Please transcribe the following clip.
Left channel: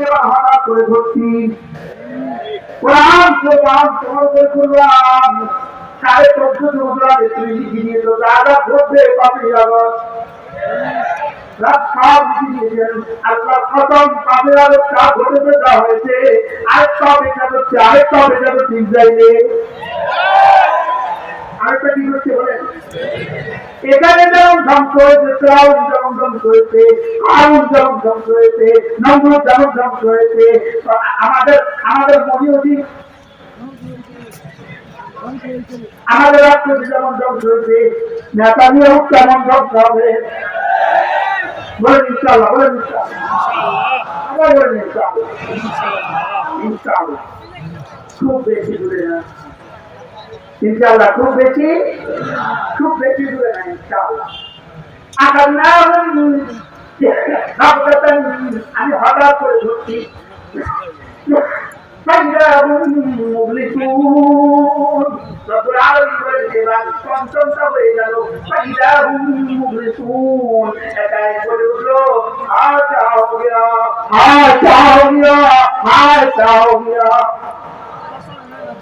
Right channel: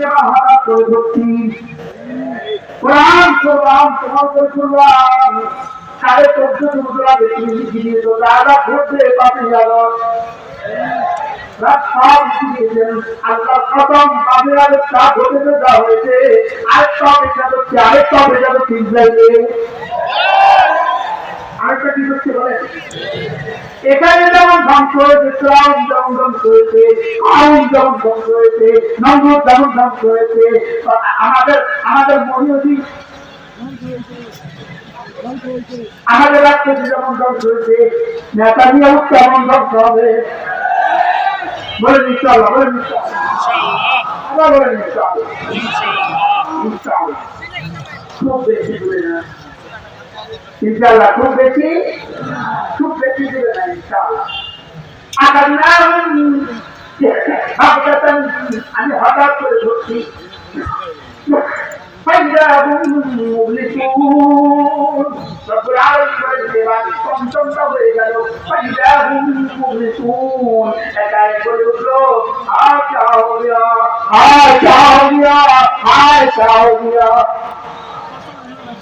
এবার হঠাৎ করে ধরছি কোরআন কোরআন তোমাকে কোরআন 14.5 বছর আগে তুমি লিখে দিয়েছো দাদা ঘটবে পাপি জগৎ সব দিয়েছেন আল্লাহ প্রথম পাপের আগে তা ঘটে দেওয়া হয়েছে আরেকটা বেচা করছে আরেকটা বেচা করছে ইসরায়েলে আরেকটা কি করতে বলেন এখানে যেমন ধ্বংস হয়েছে শ্রাউন যেমন ধ্বংস হয়েছে আউন যেমন ধ্বংস হয়েছে নমরুদ যেমন ধ্বংস হয়েছে আমাদের আমাদের মহিউদ্দি আমাদের রাষ্ট্রপতি যেমন ধ্বংস হয়েছে নেতানিয়াহু কেমন ধ্বংস হবে বলেন ইনশাআল্লাহ বলেন ইনশাআল্লাহ আবার বলেন ইনশাআল্লাহ ইনশাআল্লাহ খুব বেশি দূরে না ইনশাআল্লাহ খুব বেশি দূরে না ইনশাআল্লাহ আমি হঠাৎ করে ধরছি পঞ্চমটা হয়ে গেল এটাই করে উঠলো